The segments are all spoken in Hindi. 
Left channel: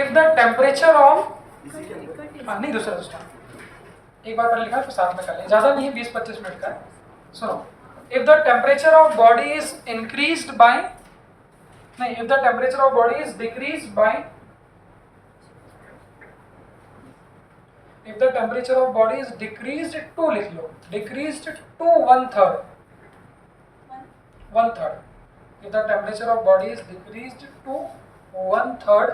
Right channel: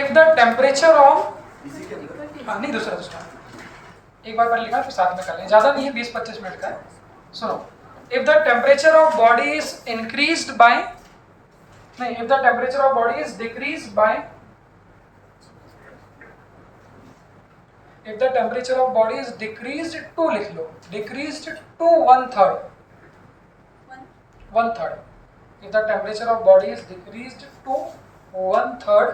इफ द टेम्परेचर ऑफ, नहीं दूसरा एक बार पहले लिखा फिर साथ में कर लें, ज्यादा नहीं है, 20-25 मिनट का है। सुनो, if the temperature of body is increased by, नहीं, if the temperature of body is decreased by, if the temperature of body is decreased to, लिख लो, decreased to 1/3, 1/3, if the temperature of body is decreased to 1/3,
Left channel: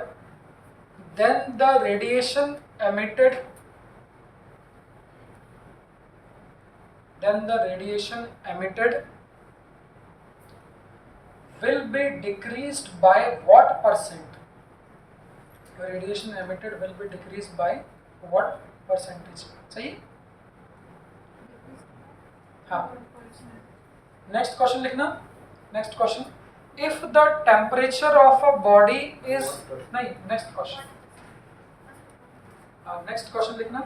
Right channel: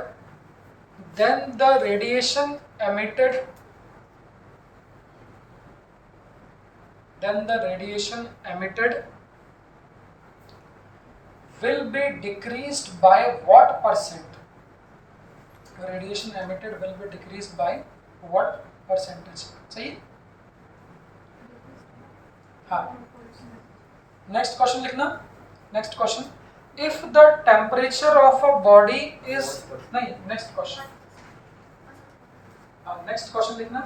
then the radiation emitted will be decreased by what percent? Radiation emitted will be decreased by what percentage? सही? हाँ, नेक्स्ट क्वेश्चन लिखना। Next question, if the temperature of a body is, नहीं, नेक्स्ट क्वेश्चन, नेक्स्ट क्वेश्चन लिखना,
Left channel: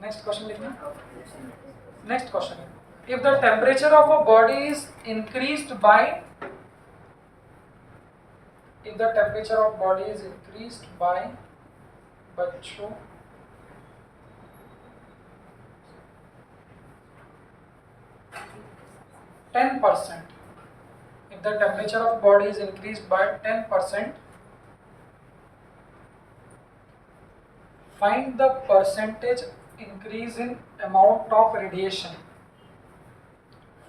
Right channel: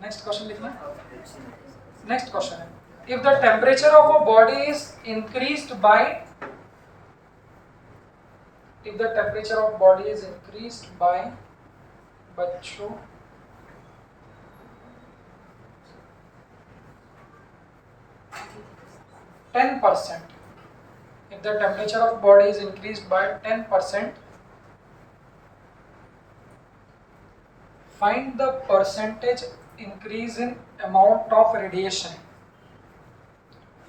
नेक्स्ट क्वेश्चन लिखना। नेक्स्ट क्वेश्चन है, if the temperature of a body is increased bye, if the temperature of body is increased bye, बच्चों, %, if the temperature of body is increased by 10%, find the percentage increase in amount of radiation.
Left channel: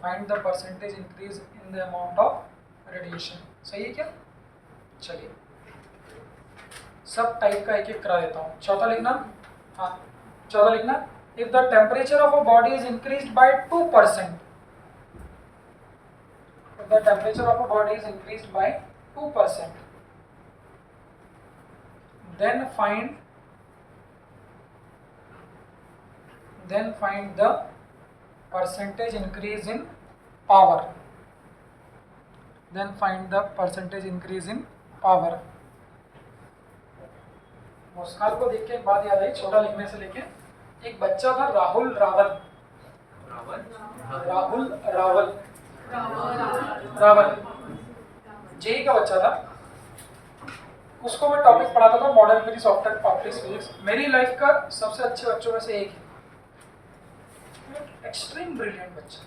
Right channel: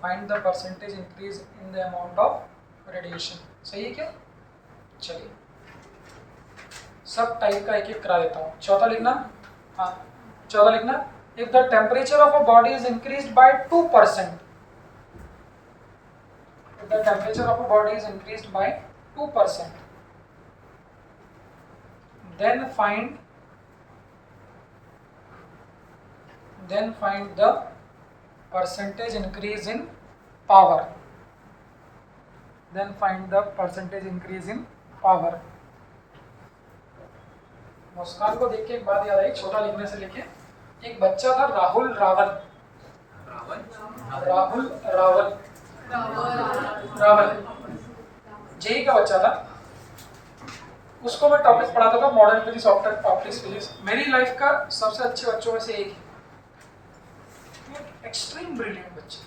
Find the percentage increase in the amount of radiation. सही है क्या? चलिए सब टाइप का एक एक करा देता हूँ। चौथा लिखना, हाँ चौथा लिखना, if the temperature of a body is increased by 2%, the temperature of a body is increased by 2%, then find the percentage increase in power. Then find the percentage increase in power. मुस्कान को देख के एक बात याद आई, छोटा लिखने से लेके, एक बच्चा था राहुल रावल, जेई का बच्चा था, उसको मैं टॉपिक पढ़ाता था मॉडर्न फिजिक्स, ऑप्टिक्स फिजिक्स। मेरी लाइफ का सबसे अच्छे बच्चों में से एक है, एक्सट्रीम ब्रिलियंट बच्चा,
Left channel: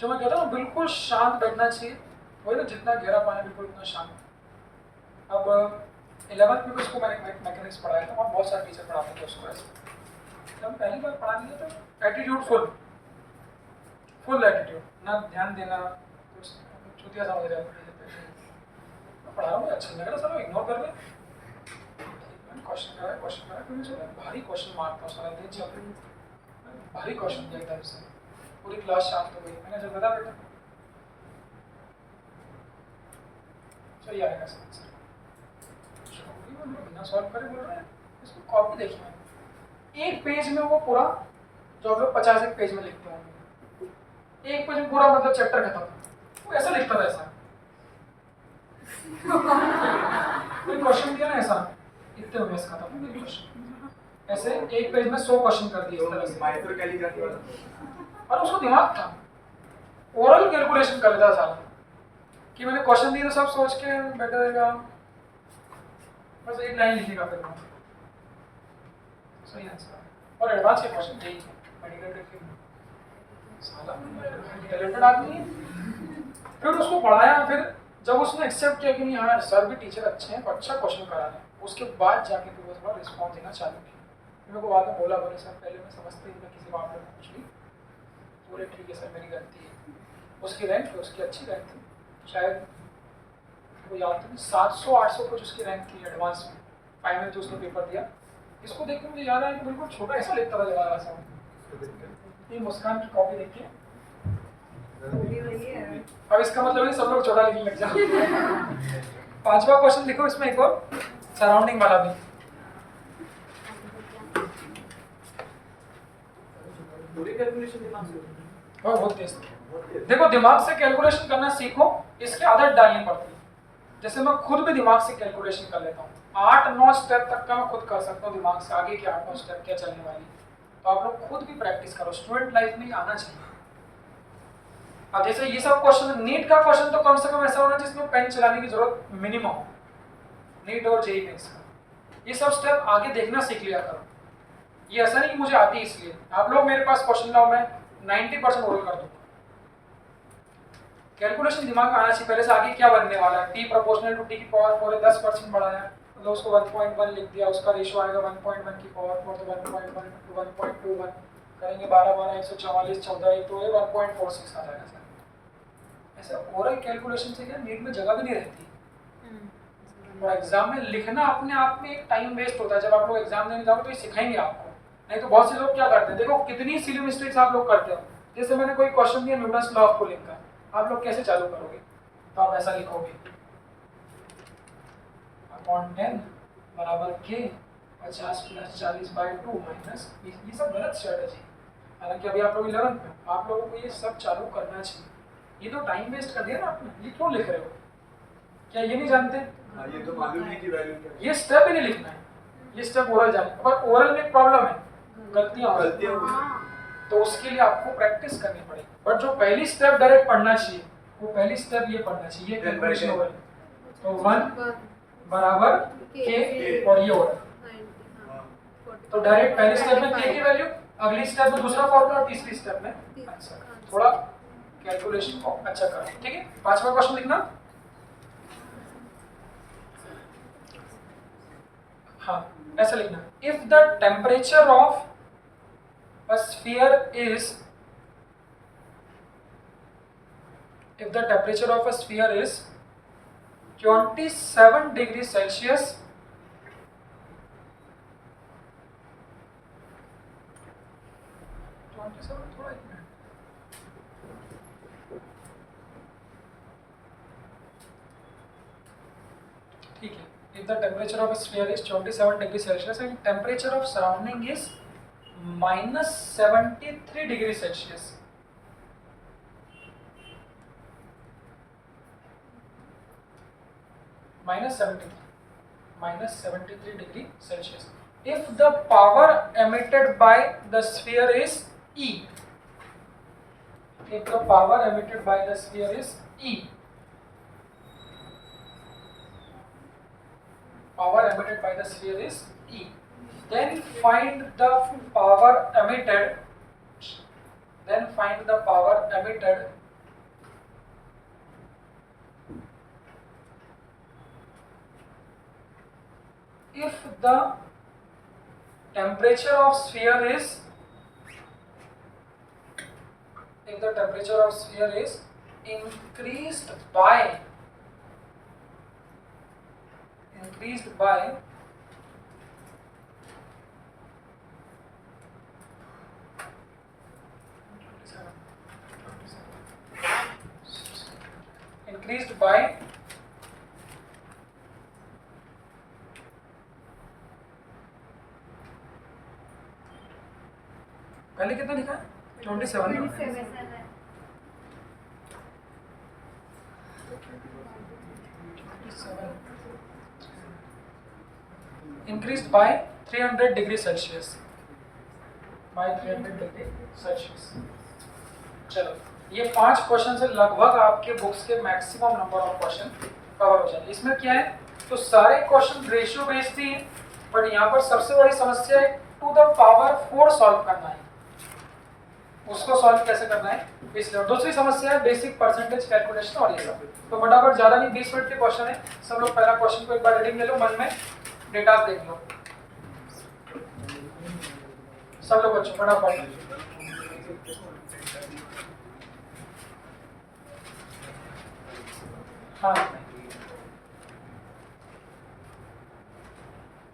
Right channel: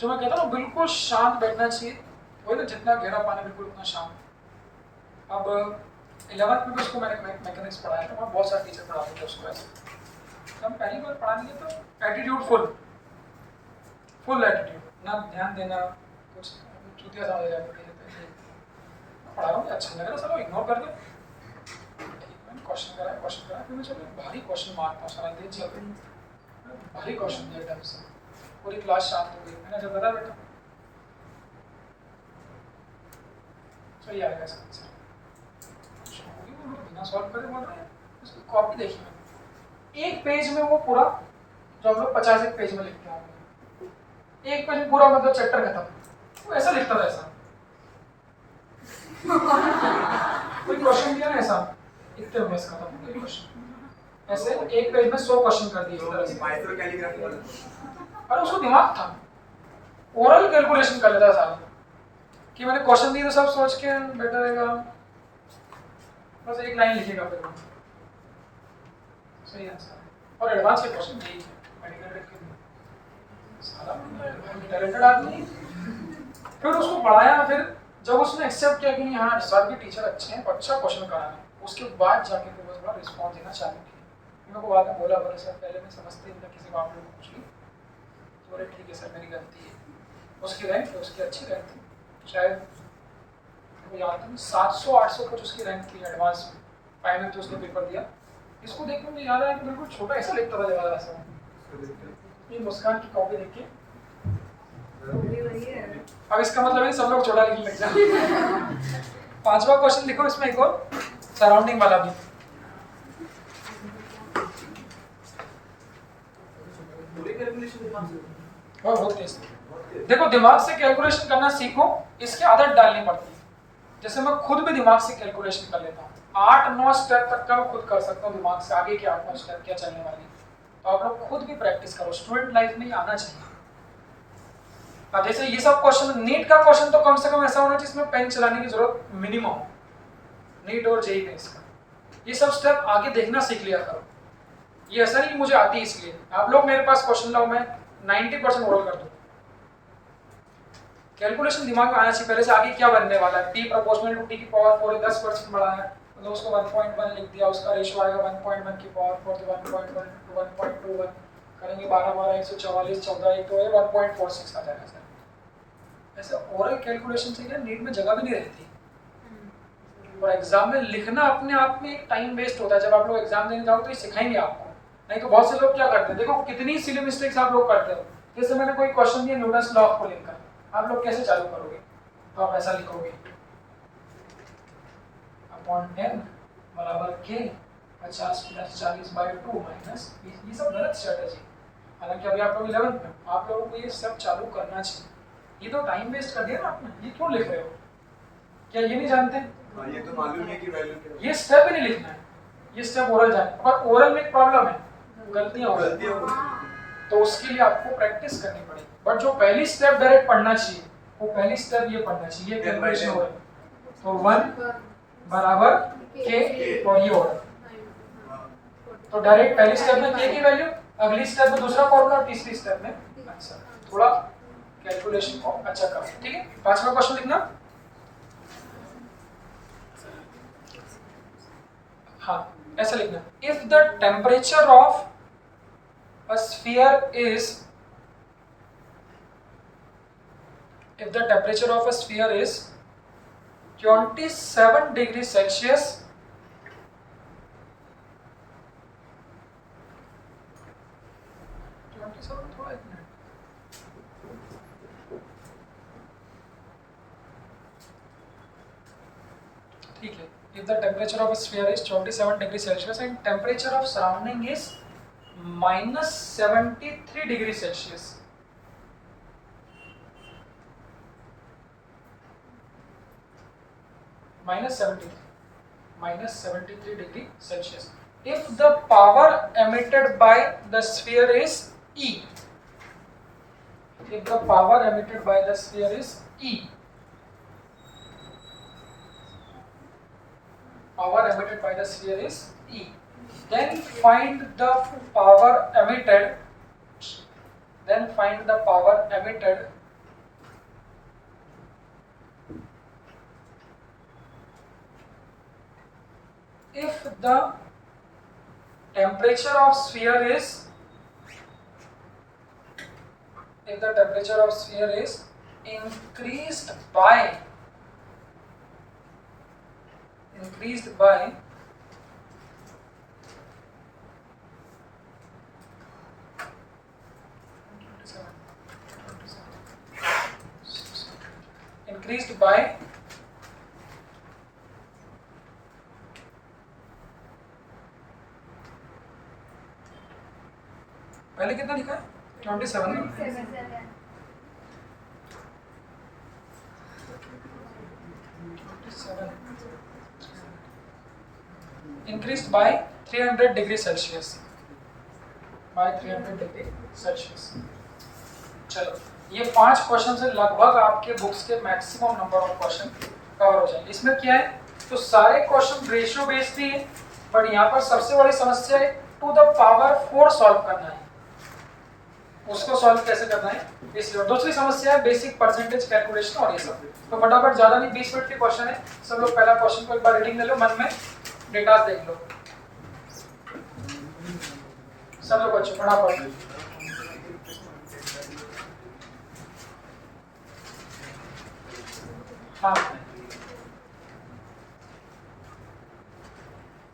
जो मैं कहता हूँ बिल्कुल शांत बैठना चाहिए, वही ना, जितना गहरा पानी बिल्कुल उतना शांत। अब 11th में भी उसको मैंने मैकेनिक्स पढ़ाया था, वहाँ बहुत सारे टीचर पढ़ाते थे उसको ऐसे। जब हम पहली बार पढ़ाने गए तो एटीट्यूड फुल एटीट्यूड, ना ध्यान देना, कुछ चूतिया समझ रहा है, पढ़ा रहा हूँ अच्छा लग रहा है, चलो इग्नोर कर दे। मैंने क्वेश्चन कराया, फिर मैं चलो भारी क्वेश्चन मारता हूँ, सारा दिन चल रही, भारी क्वेश्चन दिया एकदम से, पूरी क्लास शांत हो गई। मैंने जब बता बेटा सही आएगा इसका आंसर, बिना सॉल्व करे बोल रहे हैं, इसको कॉपी देखी मैंने, एक पेज में वो पूरा, जो हम लोग 50 पेज में लिखते हैं, एक पेज में पूरा मतलब चैप्टर खत्म, वो ऐसा लिखता था, ऐसा कोई क्वेश्चन दिया ना ऐसा, इतने में बस खत्म हो गया क्वेश्चन, ऐसे एक पेज में 100 क्वेश्चन कर दिए इस तरह से, माइक्रो कैलीग्राफी वाला। और उसको दिमाग था, ओरल कैलकुलेशन कर लेता सारा, कि मैंने क्वेश्चन दिए तो सब सोच के बैठा रहेगा, बस एक लाइन लिखेगा फिर सही आंसर। और एडवांस के क्वेश्चन यही मेडिकल के, साला टैलेंटेड आदमी। फिर उसको पढ़ाया, फिर जब उसने एक्सेप्ट किया कि नहीं हाँ सर भी टीचर अच्छे हैं, अच्छा क्वेश्चन कराना, उसके बाद जाके फिर वो थोड़ा रिस्पॉन्स देना चालू किया। मेरे को बाद में बोला, बोले सर पहले मैं समझते ही किसी को आप लोग पूछ ली, बोले ठीक है सर मेरी गलती है। उसकी रैंक थी, उसकी अच्छी रैंक थी, शायद वो याद था 700-800 कुछ उसकी रैंक थी एडवांस में, फाइनल तो उसने पेपर दिया। इसको देख के मुझे याद आया कि बिल्कुल छोटा ऐसा लिखता था जवाब ऐसा, ये मुस्कान की कॉपी देख के, अब इसका मतलब है सब लोग छोटा लिखने लग जाए। 5वां क्वेश्चन लिखो, इसमें एक और सराउंडिंग वाला भी। बहुत तेज। देखो दिमाग से कैलकुलेशन करना सीखो, इसकी आदत डालनी पड़ती है। जैसे मैं खुद भी दिमाग से कैलकुलेशन कर लेता हूँ, 8-9 स्टेप तक का मैं खुद कर सकता हूँ दिमाग से, आगे के 8-9 स्टेप क्या चलने वाली। तो आप लोग खुद भी प्रैक्टिस करो, स्टूडेंट लाइफ में ही आना चाहिए। अब जैसे ये सब क्वेश्चन, नीट का क्वेश्चन तो कम से कम ऐसा होना जिसमें पेन चलाने की जरूरत मिनिमम हो, नीट और जेईई मेंस का। ये सब स्टेप आगे देखना सीख लिया करो। ये ऐसा नहीं कि मुझे आती इसलिए। आप लोग मेरे पास क्वेश्चन लाओ, मैं 90% ओरल कर दूंगा। कैलकुलेशन दिमाग में आना चाहिए पहले से आगे क्या बनने वाला है। p प्रोपोर्शनल टू t की पावर 4 है, 10% बढ़ाया तो उसको 1.1 लिख दिया, उसका रेशियो आएगा 1.1 की पावर 4 तो 1.1 to 1.21 करेंगे 12 12 144 14 तो ये 1.46 आ जाएगा सर। ऐसे ओरल कैलकुलेशन से क्या नीट में जगह भी नहीं रहती, और एग्जाम में लिखना अपने आप में एक टाइम वेस्ट होता है। जब आप लोग एग्जाम देने जाओगे तो ये सिखाएंगे आपको, नहीं तो बहुत से लोग क्या करते हैं, देखो कितनी सिली मिस्टेक्स आप लोग करते हो। जैसे मैंने कोई क्वेश्चन दिया न्यूटन्स लॉ ऑफ कूलिंग का, आप लोग कैसे चालू करोगे, तो आप ऐसा लिखोगे अपॉन 10 बराबर k 50 + 40/2 माइनस, ये सब गलत स्ट्रेटजी। हालांकि अभी आप लोग 11th में हो, आप लोगों को ये सब चालू करना चाहिए। ये तो टाइम वेस्ट कर दिया ना आपने, ये क्यों लिख रहे हो, क्या ये नहीं जानते? ये तो मालूम है कि वैल्यू क्या है। ये स्टेप ही नहीं लिखना है, ये स्टेप ओरल जाए। पर ओरल में एक प्रॉब्लम है, गलतियां तो उसके लिए आपको प्रैक्टिस करनी पड़ेगी। बट जो पहली स्टेप डायरेक्ट पढ़ना चाहिए, वो पहली स्टेप ये पढ़ना चाहिए, कैलकुलेशन ओरल। तो 1 बराबर k और ये ओरल, तो डायरेक्ट पहली स्टेप में k की वैल्यू, अगली स्टेप में दूसरा फॉर्मूला और तीसरी स्टेप में आंसर। थोड़ा कैलकुलेशन को अच्छा करो, ठीक है। 5वां क्वेश्चन लिखना। हाँ ऐसा लिखना, if the temperature of a sphere is, if the temperature of a sphere is 27 degrees Celsius, थोड़ा एक मिनट, ठीक है। if the temperature of a sphere is 27 degrees Celsius and temperature of surrounding is -73 degrees Celsius, -73 degree Celsius. If the power emitted by the sphere is E, if the power emitted by the sphere is E, power emitted by the sphere is E, then find the power emitted, then find the power emitted if the temperature of sphere is, if the temperature of sphere is increased by 27, पहले कितना लिखा है 27 ना, increased by 300 degree Celsius, by 300 degree Celsius। चलो ये 5 क्वेश्चन से लगभग आपके बुक्स के maximum number of question cover हो जाएंगे। इसमें क्या है, तो सारे क्वेश्चन रेशियो बेस्ड ही है, बट यहाँ पर सबसे बड़ी समस्या है टू द पावर 4 सॉल्व करना है। उसको सॉल्व कैसे करना है इसलिए। दूसरी समस्या है बेसिक परसेंटेज कैलकुलेशन और ये सब। तो फटाफट, ज्यादा नहीं, 20 मिनट के क्वेश्चन है। सब लोग पहला क्वेश्चन को एक बार रीडिंग ले लो, मन में डेटा देख लो सब लोग बच्चों, फटाफट। हाँ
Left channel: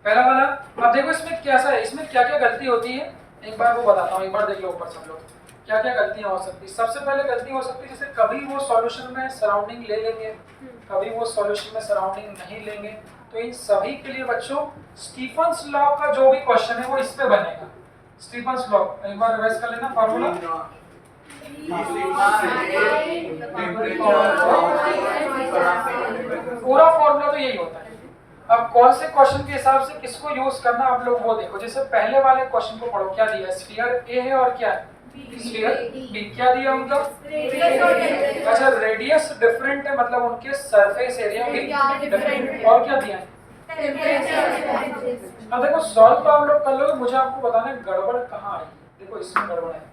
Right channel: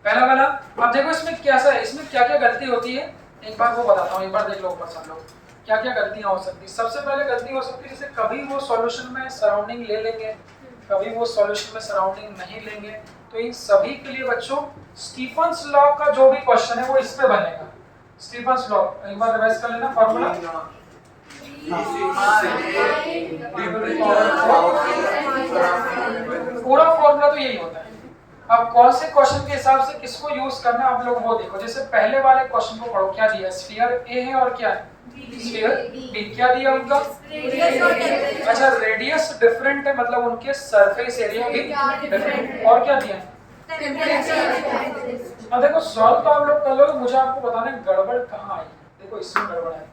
पहला वाला अब देखो, इसमें क्या सा है, इसमें क्या क्या गलती होती है एक बार वो बताता हूँ। एक बार देख लो ऊपर सब लोग, क्या क्या गलतियां हो सकती है। सबसे पहले गलती हो सकती है जैसे कभी वो सॉल्यूशन में सराउंडिंग ले लेंगे, कभी वो सॉल्यूशन में सराउंडिंग नहीं लेंगे। तो इन सभी के लिए बच्चों स्टीफन्स लॉ का जो भी क्वेश्चन है वो इस पे बनेगा। स्टीफन्स लॉ एक बार रिवाइज कर लेना फॉर्मूला। पूरा फॉर्मूला तो यही होता है। अब कौन से क्वेश्चन के हिसाब से किसको यूज करना आप लोग वो देखो। जैसे पहले वाले क्वेश्चन को पढ़ो, क्या दिया, स्फीयर ए है और क्या है स्फीयर बी। क्या दिया उनका, अच्छा रेडियस डिफरेंट है, मतलब उनके सरफेस एरिया भी डिफरेंट। और क्या दिया है अब देखो सॉल्व तो आप लोग कर लोगे, मुझे आपको बताना है गड़बड़ कहाँ आई। देखो इसमें गड़बड़ है।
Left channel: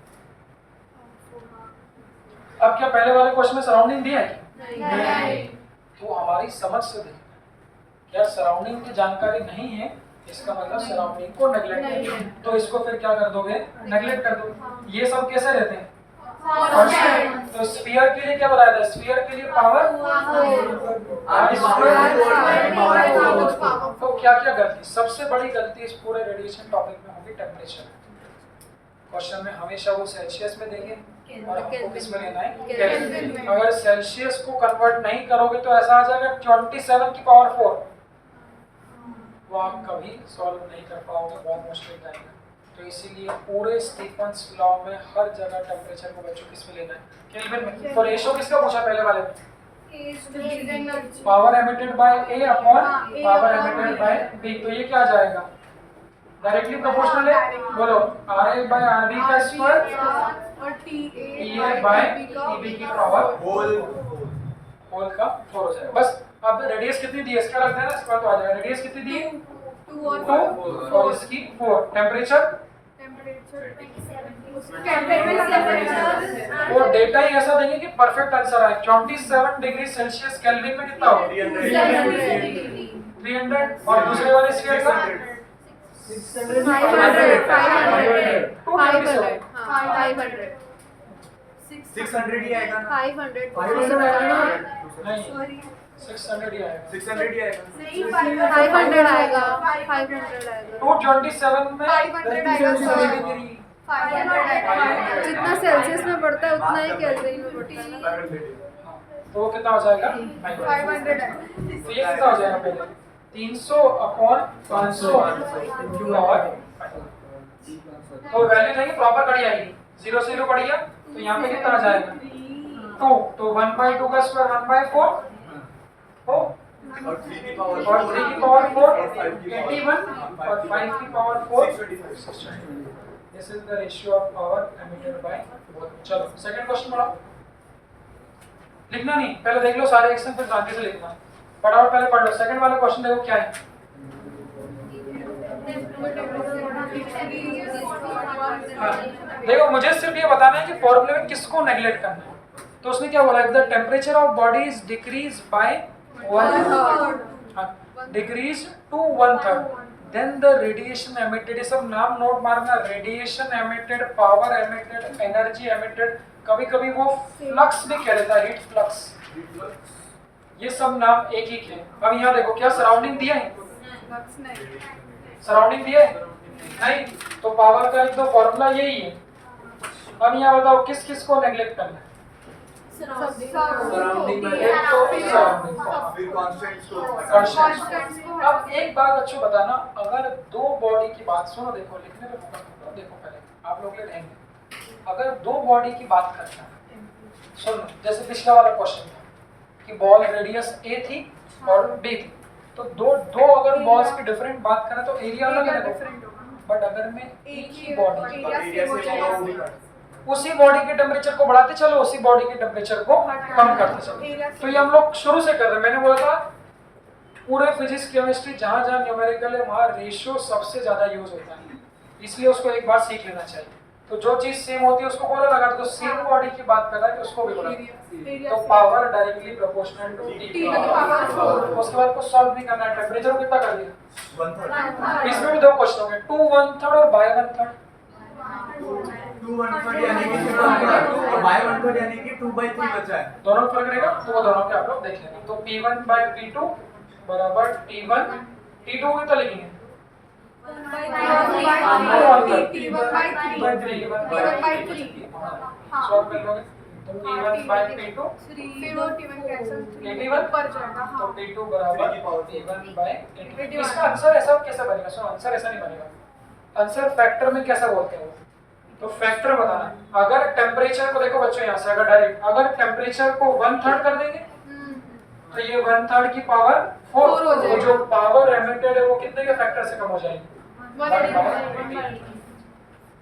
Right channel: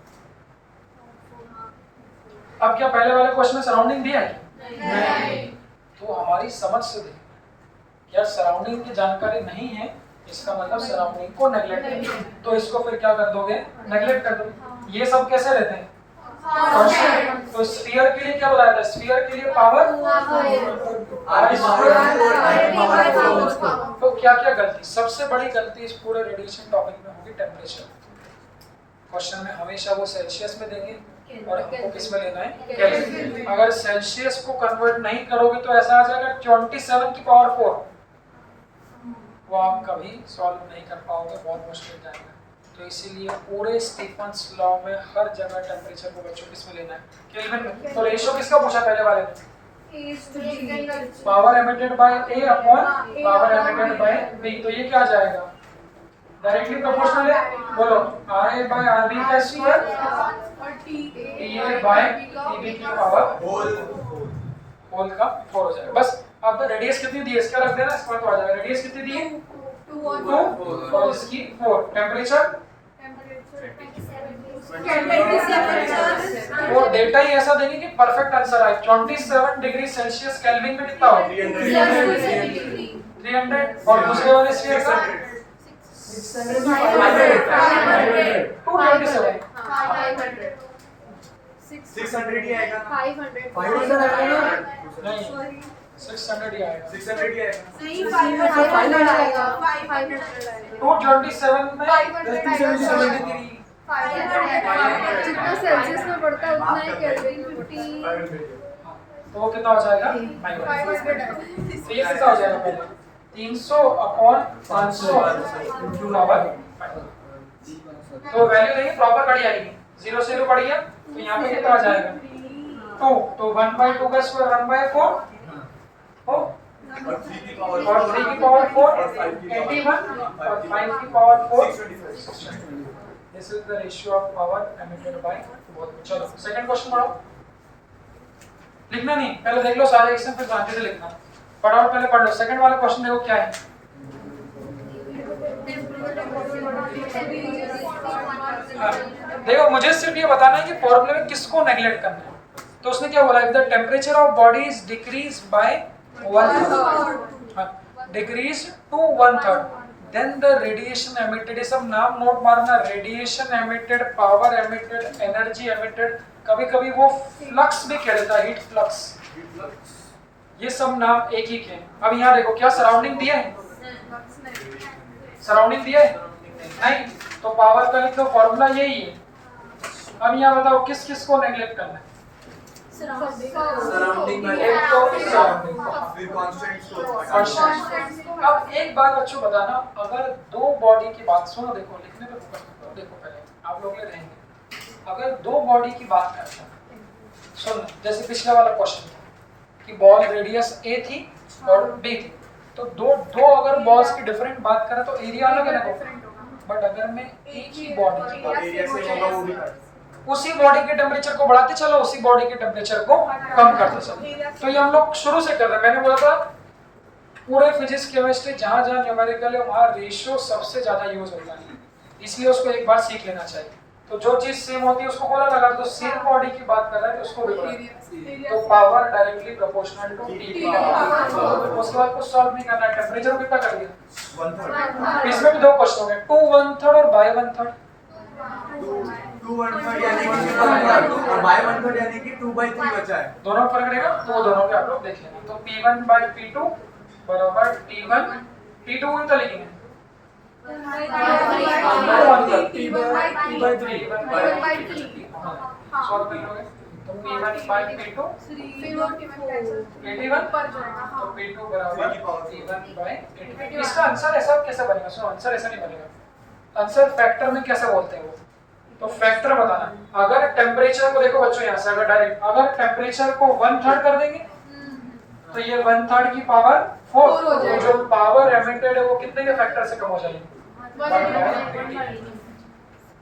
अब क्या पहले वाले क्वेश्चन में सराउंडिंग दिया है क्या? नहीं। तो हमारी समझ से देखो, क्या सराउंडिंग की जानकारी नहीं है, इसका मतलब सराउंडिंग को नेग्लेक्ट कर, तो इसको फिर क्या कर दोगे? नेग्लेक्ट कर दोगे। ये सब कैसे रहते हैं? कांस्टेंट। तो स्फीयर के लिए क्या बताया था? स्फीयर के लिए पावर तो क्या क्या गलती? सबसे बड़ी गलती इस पूरे रेडिएशन टॉपिक में होगी टेम्परेचर। क्वेश्चन में हमेशा वो सेल्सियस में देंगे और हमको किस में लेना है? केल्विन। अगर सेल्सियस को कन्वर्ट नहीं करोगे तो ऐसा आ जाएगा 27 की पावर 4, वो आप कभी सॉल्व नहीं कर पाओगे, बहुत मुश्किल जाएगा। तो इसीलिए पूरे स्टीफन्स लॉ में हर जगह टेम्परेचर को बच्चों किस में लेना है? केल्विन में। तो रेशियो किसका पूछा पहले वाले में? Power emitted by A upon power emitted by B. तो ये क्या आ जाएगा? डायरेक्टली प्रोपोर्शनल है। बोलो R A by R B का स्क्वायर और T A by T B की पावर होल का 4 हो जाएगा। बस अब रेडियस कितनी दी है इसका रख देना, इसका तो आ जाएगा। रेडियस कितनी दी है? 2 और इसकी 4। टेम्परेचर वो डेटा ही ऐसा देंगे कि परफेक्ट आंसर आए। 27 डिग्री सेल्सियस केल्विन में कितना हो? 300। और दूसरे वाले स्फीयर का 227। 600 ही आएगा ना? 500 नहीं 600 ही आएगा। 600 ही आएगा। नहीं 500 आएगा। 227 में 500 जितना सेल्सियस में बढ़ता है उतना ही केल्विन में बढ़ता है। तो वो कितना हो जाएगा? 500। तो ये कितना हो जाएगा पहले? 300 अपॉन 500 पावर 5। तो वैल्यू देंगे प्रॉपर कड़ी आएगी। 0 से 0 बढ़ गया तो यहाँ पे कितना आ जाएगा? 2। तो 1/2 का स्क्वायर 1/4 हो, और 3 की पावर और 3 की पावर 4 81 और 5 की power 4 620। This is the ratio of power emitted by both. चलो सेकंड क्वेश्चन पढ़ो। लिखना नहीं, पहले देख लो सारे एक्शन फिर शांति से लिखना। पढ़ो पहले पढ़ लो। सेकंड वाला क्वेश्चन देखो क्या है। हाँ देखो मुझे सिर्फ ये बताना है कि फॉर्मूले में किसको नेग्लेक्ट करना है। तो उसने क्या बोला? The temperature of body is decrease by 1/3 decrease to 1/3 then the radiation emitted, ये सब नाम नोट मारना। Radiation emitted, power emitted, energy emitted, कभी कभी वो फ्लक्स भी कह देता है, हीट फ्लक्स। ये सब नाम एक ही के। अब यहाँ देखो क्या सराउंडिंग दिया है? सराउंडिंग दिया है नहीं, तो पावर का एक तो फॉर्मूला यही है। अब यहाँ बताओ किस किस को नेग्लेक्ट करना है? सराउंडिंग में एक तो सराउंडिंग फिर कांस्टेंट्स को कांस्टेंट। अब एक बात बच्चों बताना, अगर दो बॉडी की बात सुनो, देखो लिखने पे फोकस करो। देखो पहले आप लोग ले रहेंगे, अगर दो बॉडी की बात करते हैं, सुन जैसे पिछला वाला क्वेश्चन था कि बॉल रेडियस ए थी और बी थी, तो दो अगर बॉल्स की डिफरेंट बात करें तो एरिया अलग अलग होगा। बट अगर मैं एक ही बॉडी की बात, एरिया से होगा वो भी उसी बॉडी के टेम्परेचर को बढ़ाते चलो, उसी बॉडी के टेम्परेचर को कम करते चलो। तो ये हम लोग शुरू से कर रहे हैं। मैंने बोला था पूरे फिजिक्स केमिस्ट्री जहां जहां न्यूमेरिकल है वहां रेशियो सबसे ज्यादा यूज होता है, इसलिए उसको एक बार सीख लेना चाहिए। तो जो चीज सेम होती है उसको बोला लगा, तो सेम बॉडी की बात कर रहा है तो उसको भी बोला। तो power directly proportional to T power. उसके बाद कुछ सॉल्व नहीं करना है। टेम्परेचर को कितना कर दिया? 1/3। इसमें भी दो क्वेश्चन हो गए, 2 1/3 और बाय 1/3। 2 1/3 यानी कि 2 और बाय 1/3 यानी कि 2/3 बचा है। दोनों में फर्क रहेगा, तो वो दोनों पे आप लोग देख लेना। तो P1 by P2 बराबर T1 T2 कितना लिखेंगे? सॉल्व कर लोगे तो P1 by P2 81 तो P2 बराबर P1 by 81। इसका आंसर ऐसा कैसे बनेगा? सुनो आंसर ऐसा नहीं बनेगा। आंसर फैक्टर में कैसे बोलते हैं वो, तो फैक्टर बताना। अगर टेम्परेचर को देखो बच्चों, यहाँ से अगर डायरेक्ट अगर टेम्परेचर को 1/3 कर देंगे तो ये 1/3 की पावर 4 तो जो पावर एमिटेड है वो कितने के फैक्टर से कम हो जाएगी? 1/80।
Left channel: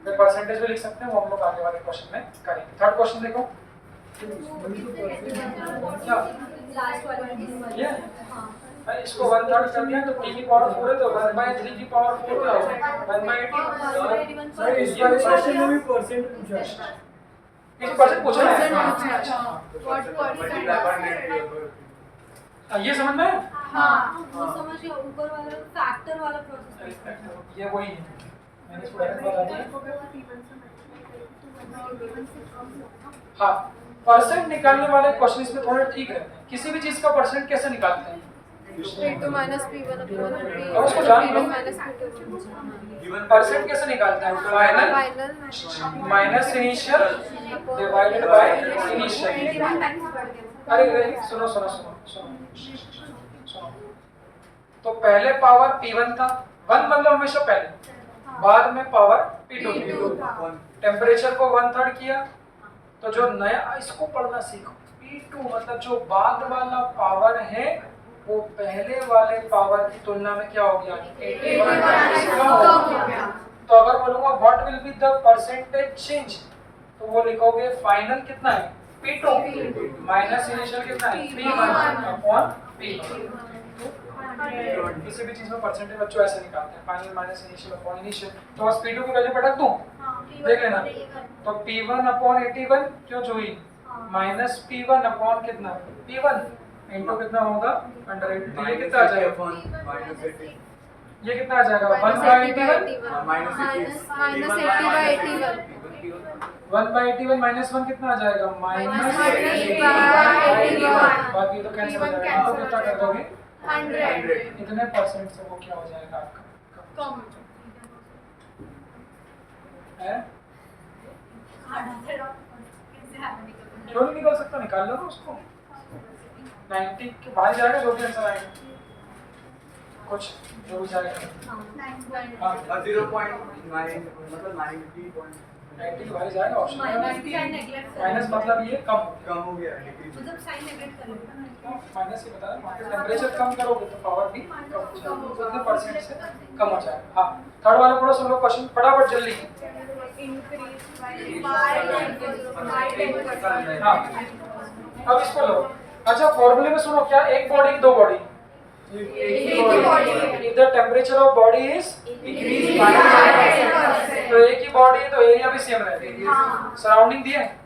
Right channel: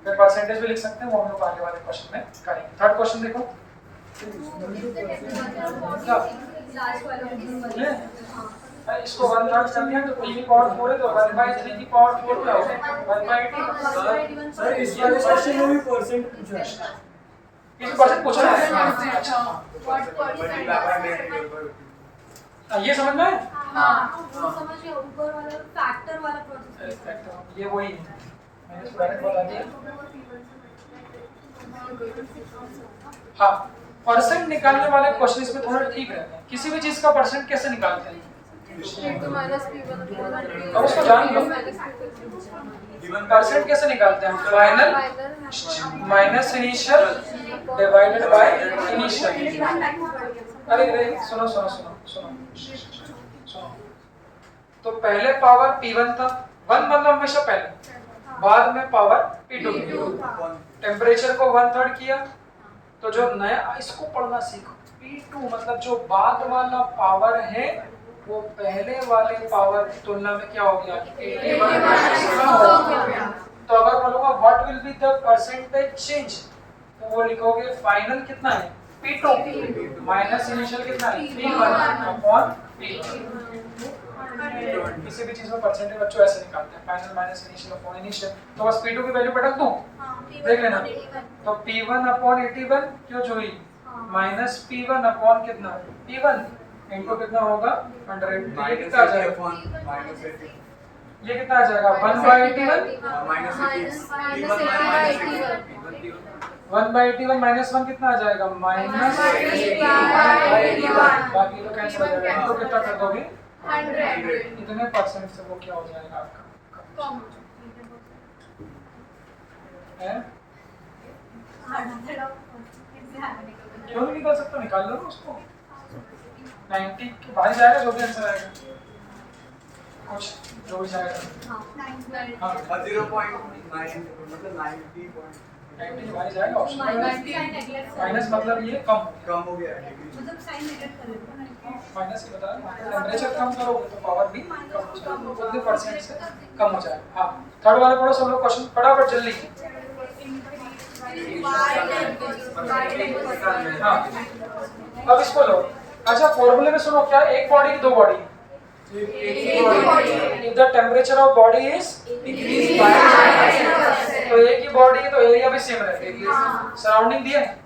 फिर परसेंटेज भी लिख सकते हैं, वो हम लोग आगे वाले क्वेश्चन में करेंगे। थर्ड क्वेश्चन देखो क्या ये इसको 1/3 कर दिया तो p की पावर 4 है तो 1/3 की पावर 4 क्या होगा 1/18 सर इस वाले क्वेश्चन में भी परसेंट पूछा है। किसी परसेंट पूछा है अच्छा ये समझ में आया? हाँ वो समझ गया ऊपर वाला फैक्टर वाला प्रोसेस ये वही है मैंने इसको डायरेक्ट बता दिया हाँ परसेंट निकालने वाले क्वेश्चन इसमें थोड़े ठीक रहते हैं किसी भी चीज का परसेंट कैसे निकालते हैं P2 minus P1 अब उसको जान लो परसेंट कैसे निकालते हैं final minus initial divided by initial अरे सुनो सुनो सुनो सुनो सुनो तो पहले पावर P1 था 1 मतलब हमेशा पहले बाद में पावर P2 टेम्परेचर को 1/3 किया तो जो नया इसको पढ़ना सीखो P2 मतलब जो बाद वाला पावर है वो पहले वाले पावर की तुलना में क्या हो गया 81 तो अगर बोलूंगा what will be the percentage change तो वो लिखोगे फाइनल कितना है P2 माइनस इनिशियल कितना है P1 अपॉन P1 किसी भी चीज में परसेंटेज बच्चों ऐसे निकालते हैं final minus initial upon initial तो बस P2 की वैल्यू पटक दूं देख लेना तो P1 अपॉन 81 क्यों जो हुई माइनस P1 अपॉन कितना P1 इनटू कितना होगा 100 तो ये कितना आ जाएगा ये कितना आ जाएगा 1/81 माइनस 1 कितना आ जाएगा माइनस बाकी तो कैंसिल हो जाएगा इनको कितना कर दोगे 100 इतने परसेंट से वो क्या हो जाएगा आपका है क्यों नहीं निकल सकता निकाल लो ना उसको 90 के बाहर जाएगा जो भी आंसर आएगा कुछ जो भी जाएगा हाँ 0.9 मतलब 90 बाहर जाएगा ऑप्शन माइनस मतलब ये कम हो गया माइनस ये बता रहा टेम्परेचर कम करोगे तो पावर भी कम हो जाएगा उतने परसेंट से कम हो जाएगा हाँ थर्ड वाला पूरा सब लोग क्वेश्चन फटाफट जल्दी हाँ अब इसको लो अच्छा फॉर्मूले में सुनो क्या एक बॉडी की दो body if the temperature of body is increased by तो एक ही बॉडी है तो एरिया भी सेम रहेगा सराउंडिंग दिया है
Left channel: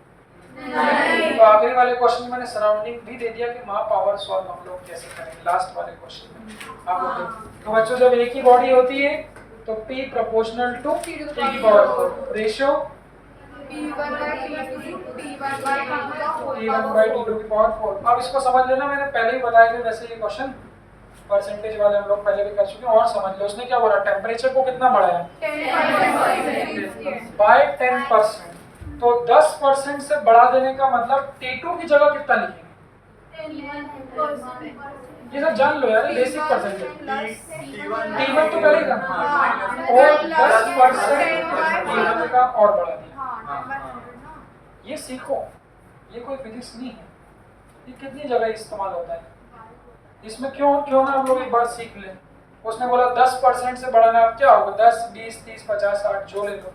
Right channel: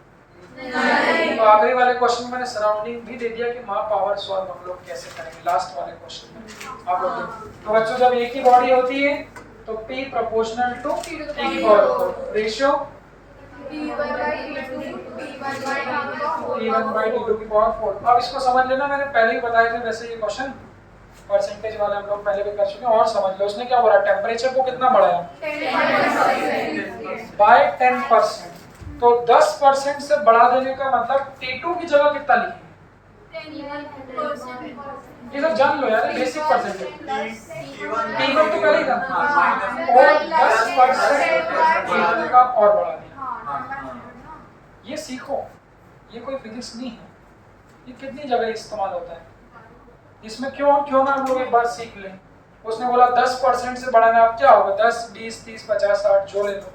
तो आखिरी वाले क्वेश्चन में मैंने सराउंडिंग भी दे दिया कि माँ पावर सॉल्व हम लोग कैसे करेंगे लास्ट वाले क्वेश्चन में आप लोग देखो तो बच्चों जब एक ही बॉडी होती है तो P प्रोपोर्शनल टू T की पावर 4 रेशियो T1/T2 की पावर 4 अब इसको समझ लेना मैंने पहले ही बताया था वैसे ये क्वेश्चन परसेंटेज वाले हम लोग पहले भी कर चुके हैं और समझ लो उसने क्या बोला टेम्परेचर को कितना बढ़ाया बाय 10% तो 10% से बढ़ा देने का मतलब T2 की जगह कितना लिखेंगे ये सब जान लो यार बेसिक परसेंटेज T1 तो पहले ही था और 10% T1 का और बढ़ा दिया ये सीखो ये कोई फिजिक्स नहीं है ये कितनी जगह इस्तेमाल होता है इसमें क्यों ना हम लोग एक बार सीख लें उसने बोला 10% से बढ़ाना अब क्या होगा 10 20 30 50 60 जो ले लो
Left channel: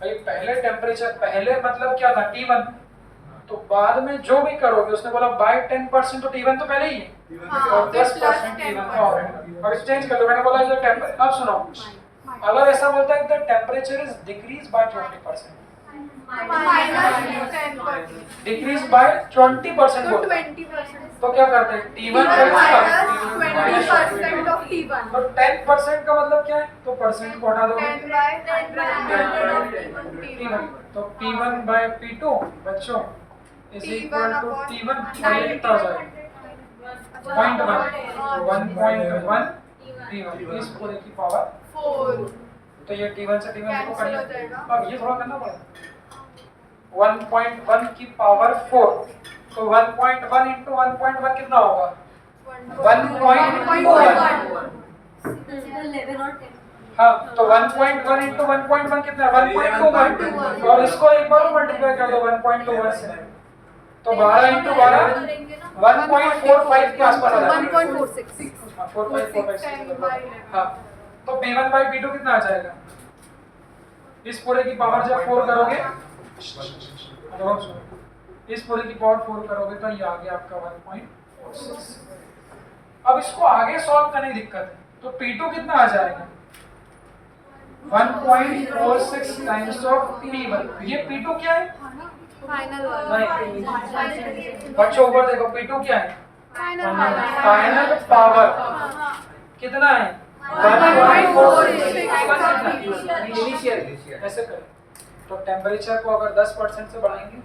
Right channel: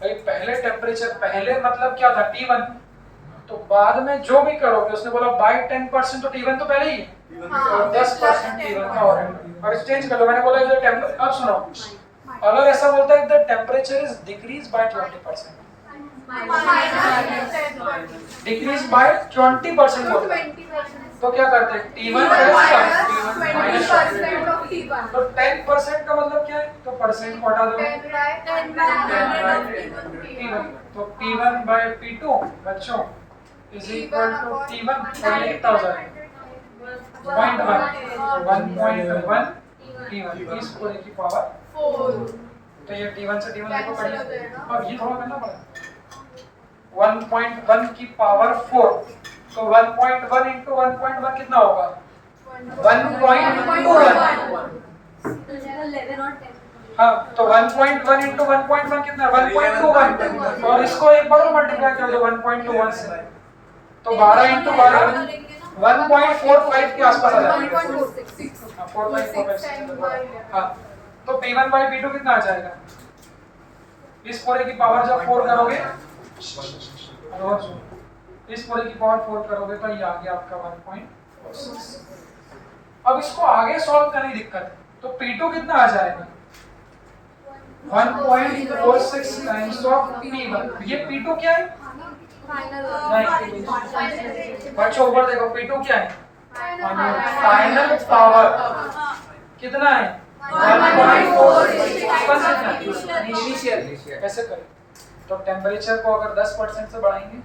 भाई पहले टेम्परेचर पहले मतलब क्या था T1 तो बाद में जो भी करोगे उसने बोला बाय 10% तो T1 तो पहले ही है और 10% T1 का और है अब एक्सचेंज कर लो मैंने बोला अब सुनो अगर ऐसा बोलता है the temperature is decrease bye 20% decrease by 20% बोलते हैं तो क्या करते हैं T1 तो 10% का मतलब क्या है तो परसेंट को हटा दोगे T1 तो P1/P2 बच्चों इज इक्वल टू T1 और ये कितना हो जाएगा 1.1 T1 इस पूरे की पावर 4 तो ये T1 से T1 देखो करिए अब ये थोड़ा करना पड़ेगा 1.1 की पावर 4 तो 1.1 into 1.1 कितना होगा 1.21 हाँ तो 1.1 into 1.1 कितना 1.21 और इसको एक बार मल्टीप्लाई कर दो 1.21 से तो 12 into 12 1.45 के आसपास आ जाएगा 4.46 हाँ तो P1/P2 कितना आ जाएगा इस पूरे की पावर जब 4 करोगे इस पूरे की पावर 4 करोगे तो ये आ गया आपका 1.46 अब इसको आगे सॉल्व करने की दिक्कत है, तो P2 कितना आ जाएगा 1.46 टाइम्स ऑफ P1। ये P2 क्या है? नहीं बच्चों ऊपर देखो, P2 क्या है? फाइनल पावर कितना है? 1.46 इनिशियल। ऐसे करें तो टेम्परेचर को अगर 10% से बढ़ाएंगे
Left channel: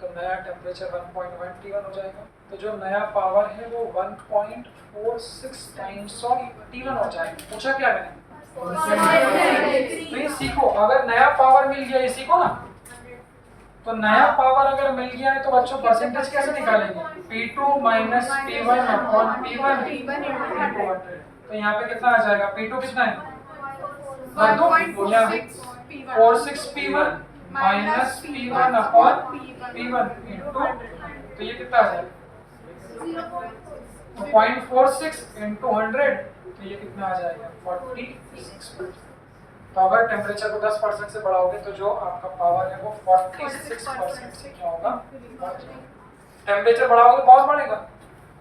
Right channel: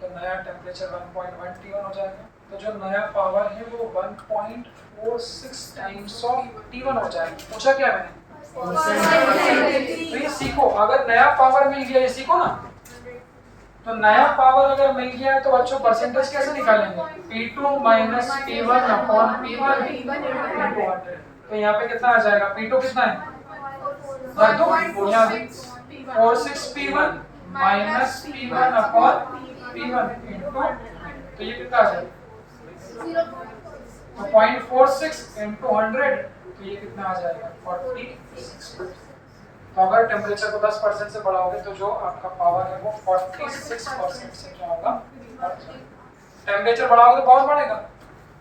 तो नया टेम्परेचर 1.1 T1 हो जाएगा। तो जो नया पावर है वो 1.46 टाइम्स ऑफ T1 हो जाएगा। पूछा क्या मैंने? तो ये सीखो, अगर नया पावर मिल गया, ये सीखो ना, तो नया पावर अगर मिल गया है तो बच्चों परसेंटेज कैसे निकालेंगे? P2 minus P1 upon P1 into 100। तो यहाँ पे कितना आ जाएगा? P2 कितना है? रख दो यहाँ 46 P1 minus P1 upon P1 into, तो ये कितना आ जाएगा? तो 0.46 into 100, तो ये कितना आ जाएगा? 46। तो अगर टेम्परेचर को 10% से बढ़ाओगे तो जो आपका पावर है वो 46% से क्या होगा? टेम्परेचर बढ़ाओगे तो बहुत बढ़ेगा,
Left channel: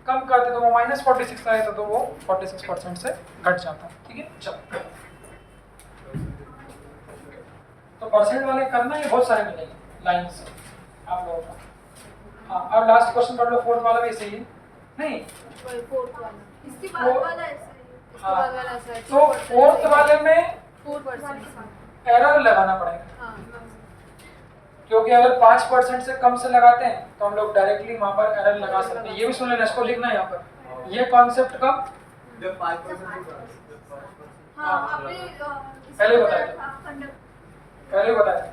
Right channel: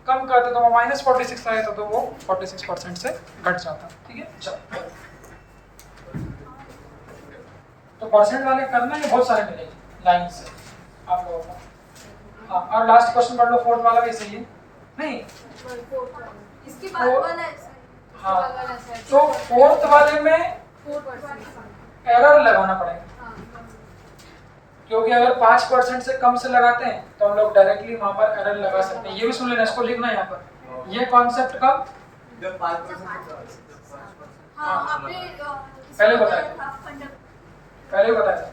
कम करते तो वो -46 आए तो वो 46% से घट जाता। ठीक है, चलो तो परसेंट वाले करना है, बहुत सारे मिलेंगे लाइन से आप लोगों को। हाँ, और लास्ट क्वेश्चन पढ़ लो, फोर्थ वाला भी सही है नहीं? इसके बाद वाला ऐसा है। हाँ, तो फोर्थ वाले में एरर लगाना पड़ेगा, क्योंकि अगर 5% से कम से लगाते हैं तो हम लोग डायरेक्टली वहां पर एरर लगा सकते हैं। ये भी सुन लेना, इसको लिखना है यहाँ पर, ये कॉन्सेप्ट का जब 5% पहले बताया था।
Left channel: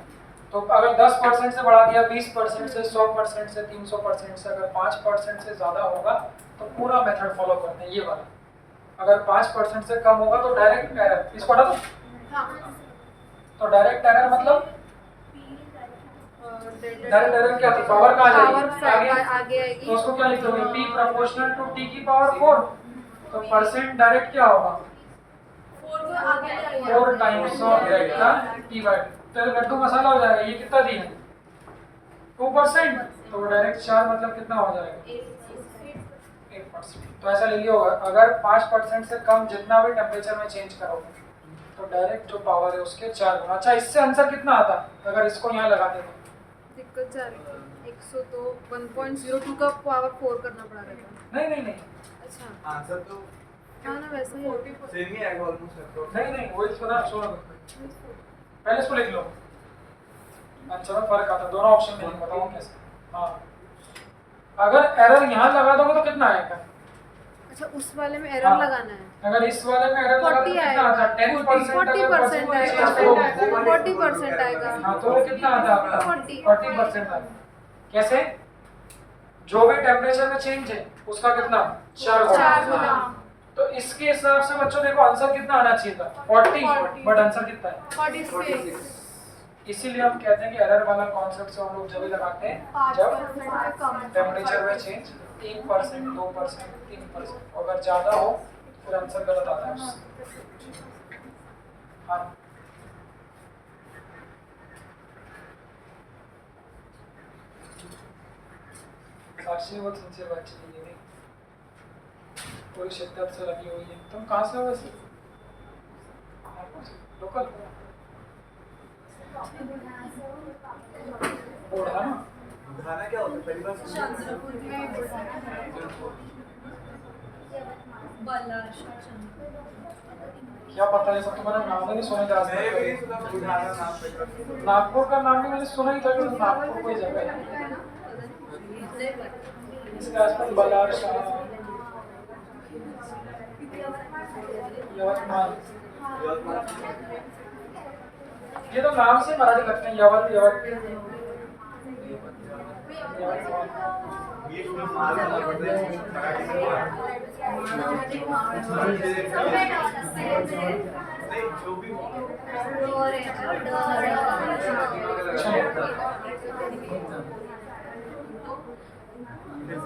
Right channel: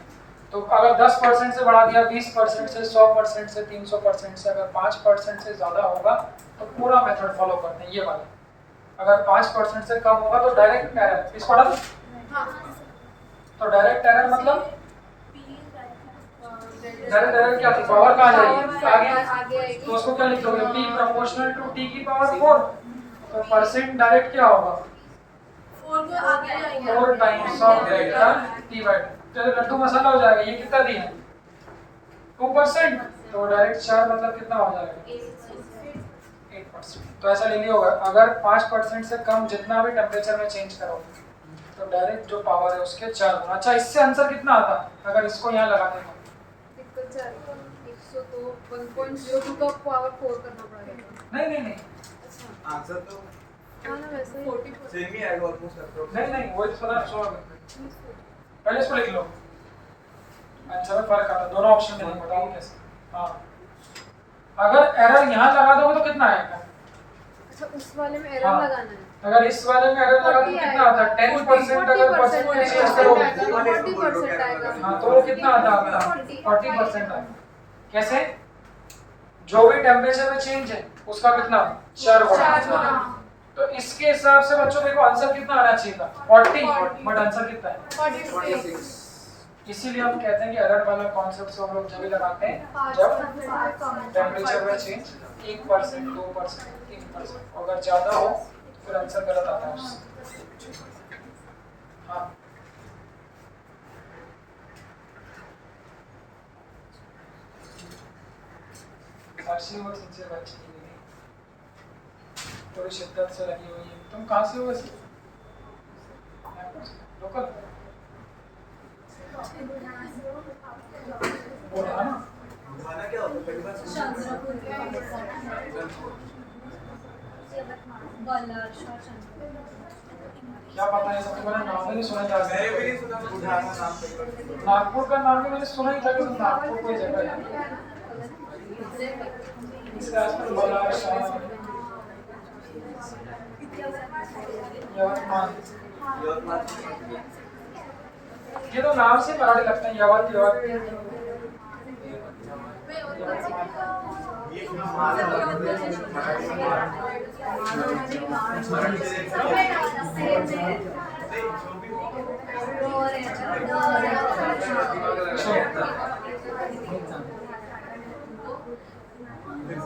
तो अगर 10% से बढ़ा दिया, 20% से, 100% से, 300% से, अगर 5% से ज्यादा होगा तो पूरा मेथड फॉलो करते हैं ये वाला। अगर 5% से कम होगा तो डायरेक्ट एरर। इसको हटा दो। तो डायरेक्ट एरर मतलब डायरेक्ट एरर क्या थी? पावर कहाँ जाएगी? आगे। तो उसको क्या लिखोगे? P प्रोपोर्शनल टू T की पावर 4। तो परसेंट डायरेक्ट क्या होगा? 4 times of delta T by. तो लड्डू मसाला हो जाएगा। ये कितना दिया है? 2%। तो डायरेक्ट 4 मतलब कितना हो जाएगा? 8%। तो ऐसा ले लिया होगा, अगर 5% से कम जितना भी टेम्परेचर में चेंज करोगे तो डायरेक्ट जो पावर है उसके 4 गुना। अच्छा, इससे आंसर कितना आता अगर इसको यहाँ लगाते तो? 1.02 का पावर 4 करना पड़ा रहेगा। नहीं अच्छा आंसर तो हाँ ना, वैसे ही सेम ही आएगा ऑलमोस्ट लगता नहीं वही सुना पहले इसको लिख लो। अच्छा में फर्क आता, दोनों ऑप्शन में बताओ कैसे। हाँ, अगर एरर यहाँ लगा दोगे तो कितना आएगा? अच्छा, उस वाले में एरर हाँ, लगाना है। अगर इस वाले में एरर लगा तो कितना आता है? 10% अगर 40% आएगा। हाँ, तो वो कितना आता है आपका? 40% आएगा। कैसे? जो भी टेम्परेचर में चेंज है उसका कितना? 4 गुना। तो इसके हिसाब से बच्चों देखो आंसर कितना आना चाहिए था? 40, बट आंसर कितना है? 46। इसीलिए हम कहते हैं कि एरर वाला कॉन्सेप्ट से हम लोग जब भी लगाते हैं जब टेम्परेचर में चेंज 1%, 2%, 3%, अगर ज्यादा हो फिर आंसर गलत आता है उससे। हाँ, साक्षी बहुत सिंसियर बच्ची है, नहीं पूरी शिद्दत से लगी हुई है। तुम कहाँ से हो वैसे? लोकल? बुढ़ाना? खाना क्या होता है पहली बार क्या पता है, सब तुम्हारा नाम ही नहीं सुना था। मैंने भी नहीं सुना बुढ़ाना नाम पे। नागपुर का नाम भी मैंने सुना ही था कि नागपुर कोई जगह है इसके आसपास। बलार शाह, यवतमाल, ये तो नाम से मराठी लगते हैं।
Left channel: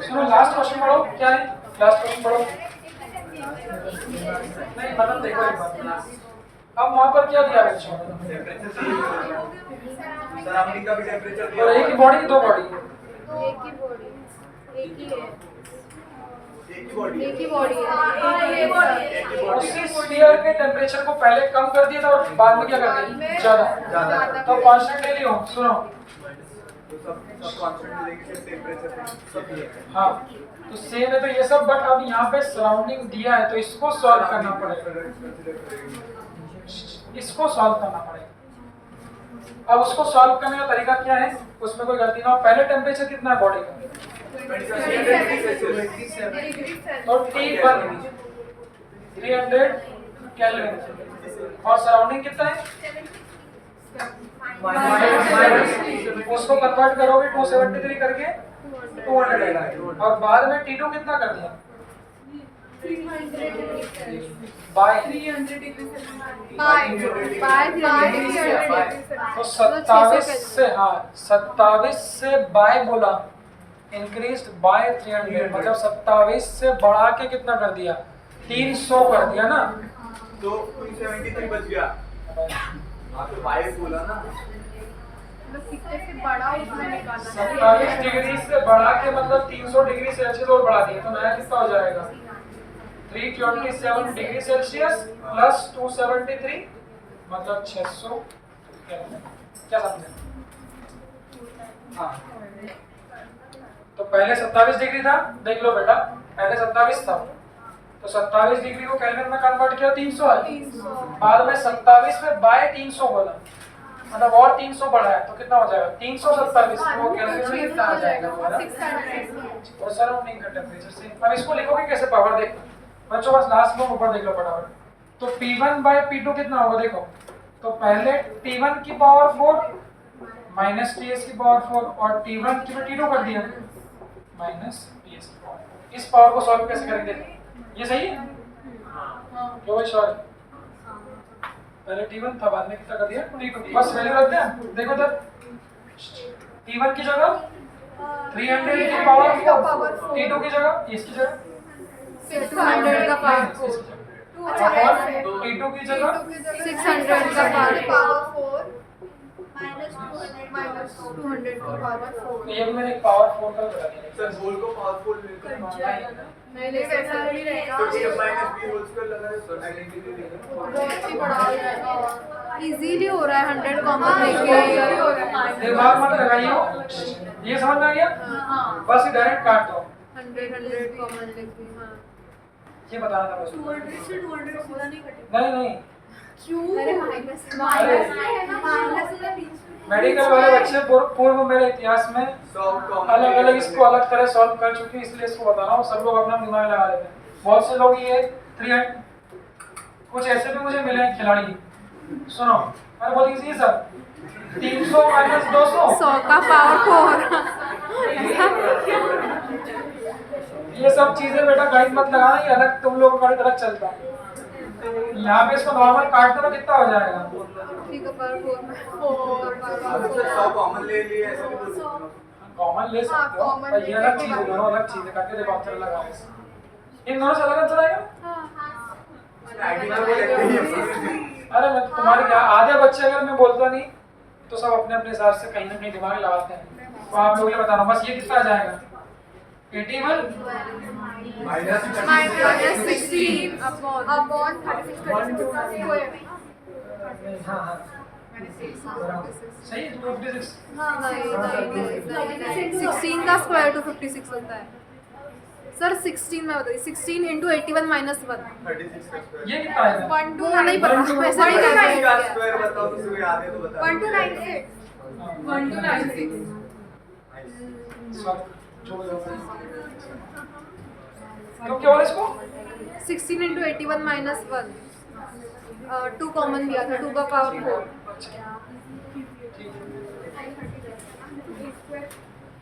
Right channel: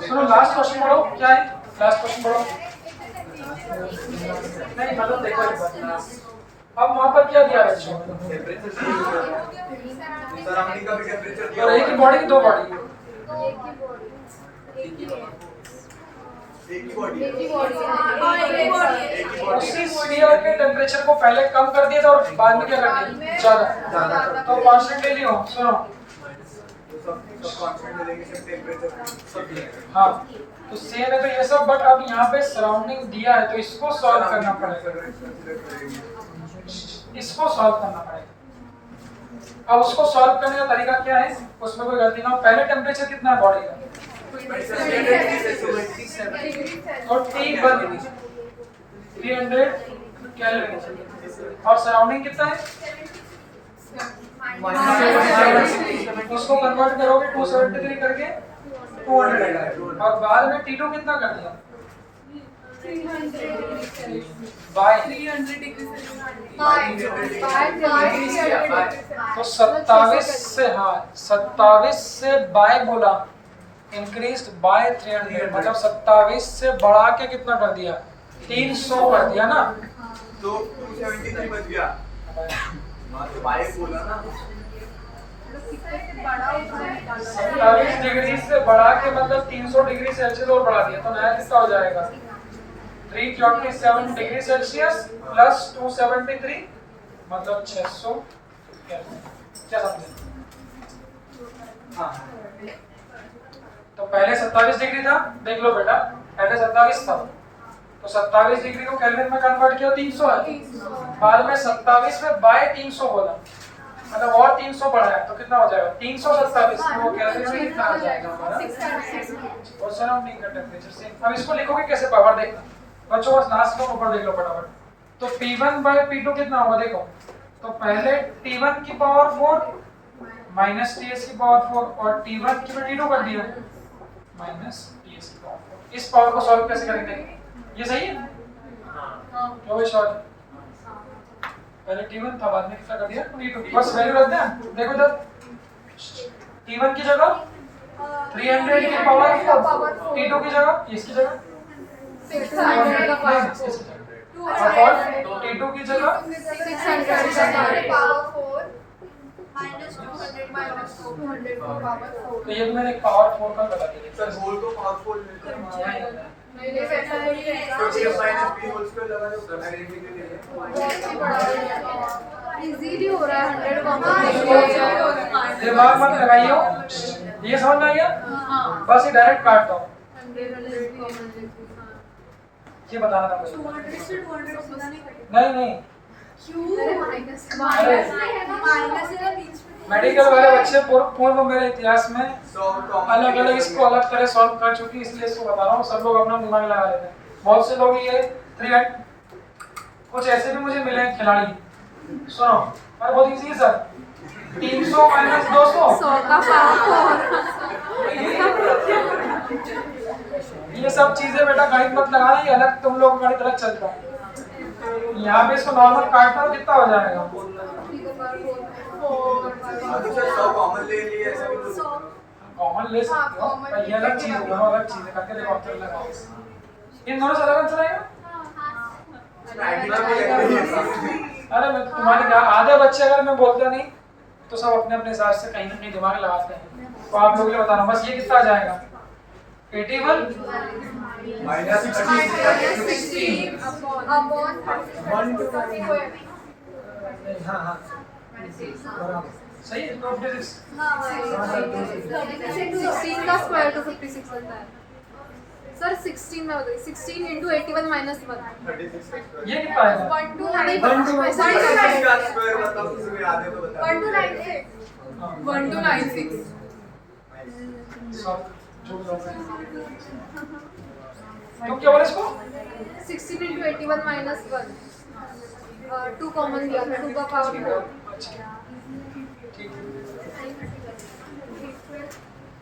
सुनो, लास्ट क्वेश्चन पढ़ो। क्या है लास्ट क्वेश्चन? पढ़ो। नहीं मतलब देखो एक बार, अब वहां पर क्या दिया बच्चों? सराउंडिंग का भी टेंपरेचर और एक ही बॉडी की 2 बॉडी? एक ही बॉडी, एक ही है। एक ही बॉडी एक ही है। बॉडी है। एक ही बॉडी उसी स्फीयर के टेम्परेचर को पहले कम कर दिया था और बाद में क्या कर दिया ज्यादा। तो कांस्टेंट ले लियो, सुनो तो सब कांस्टेंट मिलेंगे, सिर्फ टेंपरेचर सब मिलेगा। हाँ तो सेम है तो ये सब, बट अब यहाँ पे सराउंडिंग दिया है तो इसको सॉल्व करना पड़ेगा, इसको सॉल्व करना पड़ेगा। अब उसको सॉल्व करने का तरीका क्या है, उसमें कोई गलती ना हो। पहले टेम्परेचर कितना है बॉडी का, और T1 300 केल्विन, और सराउंडिंग कितना है, उसको कन्वर्ट करोगे 273 करके 200 आएगा, और बाद में T2 कितना कर दिया बाय, तो 27 से, हाँ 27 से बाय बोला, इंक्रीज बाय 300, मतलब 27 से बढ़ा के कितना कर दिया 300 कर दिया ना, तो 273 बच गया। हाँ तो बाय बोला ना, 27 डिग्री से बढ़ा के मतलब 300 डिग्री सेल्सियस और बढ़ा दिया, तो नया कितना हो जाएगा 327 डिग्री सेल्सियस प्लस 273 मतलब 600 क्या समझे। हाँ तो पहले 27 डिग्री था, देख लो बेटा पहले 27 था, तो 27 डिग्री को केल्विन में कन्वर्ट किया 300 है, बाद में 27 में बाय 300 बोला, मतलब और 300 बढ़ा है, तो कितना हो जाएगा 327, वो केल्विन में कितना आ जाएगा हमारा, और सराउंडिंग का टेम्परेचर सेम। अब इसको लिखोगे कैसे, पावर देखो बच्चों, बस लास्ट में ऊपर देख लो फटाफट, तो P1 बाय P2 कितना होगा देखो, तो पहले T1 की पावर 4 माइनस TS की पावर 4, और T1 की T2 कर दिया माइनस TS की पावर 4। इस पावर को सॉल्व कैसे करेंगे, ये सही है क्यों भाई, सॉरी पहले T1 था, बाद में कितना कर दिया T2, बस वैल्यू रख दें। देखो इधर T1 की जगह 300 की पावर 4, T2 की जगह इसकी जगह 600 का T2 की जगह 600 का तो ये भी मैंने एक पावर 4 का बता दिया। सर होल को पावरफुल लेते हैं, नहीं नहीं वैसा नहीं तो रहेगा, a minus b whole square लगा दो सर, आइडेंटिटी ले लें। बहुत ही बड़ा हो जाएगा, इजीली हो रहा है 100 कॉमन लेके, दिमाग मत लगाइयो, ये समझ में आ गया, बस ये डायरेक्ट काट दो, 100 कॉमन लेके। ये बताना था मुझे। 200 से 200 सीधा नहीं कटेगा। नहीं नहीं अरे माइनस माइनस है ना बीच में। मेडिकल वाले बच्चे पूर्व मेरे इतिहास में अलग अलग इसको अलग तरह सॉल्व कर चुके हैं, इसलिए इसको बता रहा हूँ, सब लोग अपना दिमाग लगा लेते हैं। बहुत से लोग ये 300, कुछ ऐसे भी मुझे मिले हैं खिलाड़ी, सुनो अरे बहुत इजी है सर, 300 माइनस 200 100 का पावर 4। ये सब चीजें बेटा गणित मत लगाना, ये अलग तुम लोग का गणित अलग चलता है। यहाँ पे इसको नॉर्मल काटना तो कितना हो जाएगा, 3 का पावर 4 सर 100 कॉमन ले लिए, ऐसा भी कुछ कॉमन ले सकते हो, पर ये अलग चीज है, दोनों अलग चीज है, करके देखो आंसर लगा, इन दोनों से अलग आंसर आएगा। अरे मैं तुम्हारी क्या, आधे बच्चे अगर मैं बोलता नहीं तो सब अपने अपने हिसाब से कहीं ना कहीं दिमाग लगाते हैं, तो आप लोग ये बता रहा हूँ बस, ये कितना आ जाएगा 81 माइनस 16 अपॉन 36। हाँ हाँ सही है 256। 16 का स्क्वायर 256 होता है सर, 16 में बताइए, 16 इंटू 81 माइनस 1, 36 ये कितना आएगा 1 2 नहीं पता, वैसे नहीं का करना स्क्वायर बताओ, तुम्हें याद है तो बताओ। 1296 तुम क्या बोले इसको, 16 इंटू 81 माइनस 1, 2 कॉमन दिया था, 2 का पावर 4। ठीक है,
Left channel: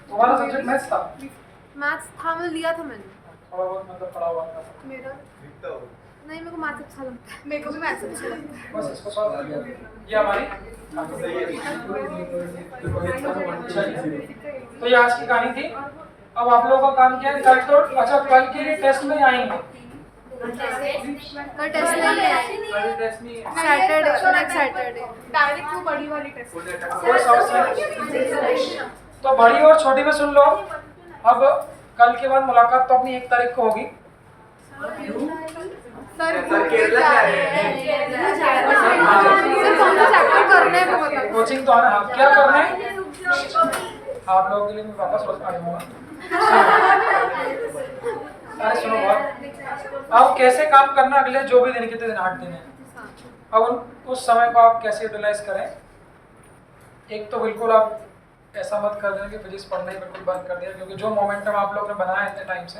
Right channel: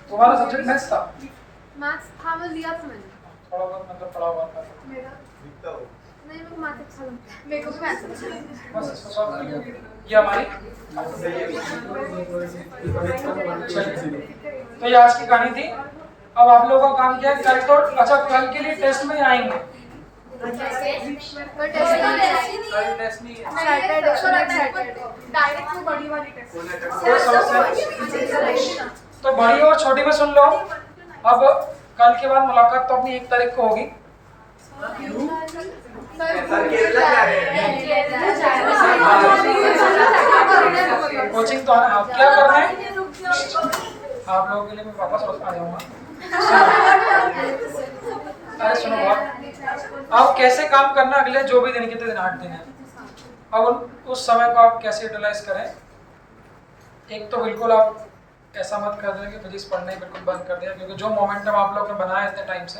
तुम्हारा सब्जेक्ट मैथ्स था, मैथ्स था, वो लिया था मैंने, थोड़ा बहुत मतलब पढ़ा हुआ था, मेरा दिखता हो नहीं, मेरे को मैथ्स अच्छा लगता है, मेरे को भी मैथ्स अच्छा लगता है। बस इसको सॉल्व कर लिया, ये हमारी चलिए, तो ये आज की कहानी थी। अब आप लोगों का काम क्या है, कल तो अच्छा कल के लिए टेस्ट में आएंगे, तो टेस्ट नहीं है, सैटरडे, सैटरडे डायरेक्ट वो बड़ी वाली टेस्ट। कोई समस्या नहीं? तो बड़ी और छोटी में सुन लो। अब कल के बाद मुलाकात तो अपनी 1 तारीख को होगी, सर केरला जा रहे हैं। कोचिंग तो आना, आप क्या करना है आप लोगों के लिए मैं वापस रोज आ जाऊंगा। अरे सुनो बात, अब कैसे काम करना अगले जो भी दिन, कितने दिन, 8 दिन है, अब उस समय को आप कैसे यूटिलाइज करें। एक तो बिल्कुल आप ऐसा मत कर देना कि फिजिक्स पढ़ना ही बिल्कुल बंद कर दिया, क्योंकि जो मोमेंटम आप लोग ने बनाया इतने टाइम से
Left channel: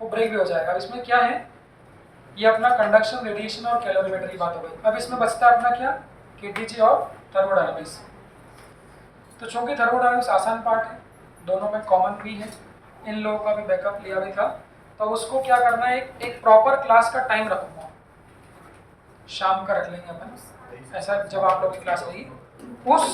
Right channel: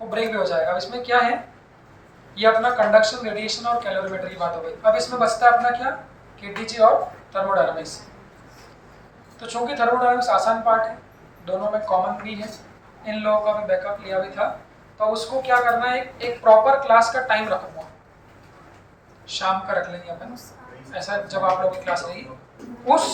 वो ब्रेक भी हो जाएगा। अब इसमें क्या है, ये अपना कंडक्शन, रेडिएशन और कैलोरीमेट्री की बात हो गई। अब इसमें बचता है अपना क्या, केटीजी और थर्मोडायनामिक्स। तो चूंकि थर्मोडायनामिक्स आसान पार्ट है, दोनों में कॉमन भी है, इन लोगों का भी बैकअप लिया भी था, तो अब उसको क्या करना है, एक प्रॉपर क्लास का टाइम रखूंगा, शाम का रख लेंगे अपन, ऐसा जब आप लोगों की क्लास रहेगी उस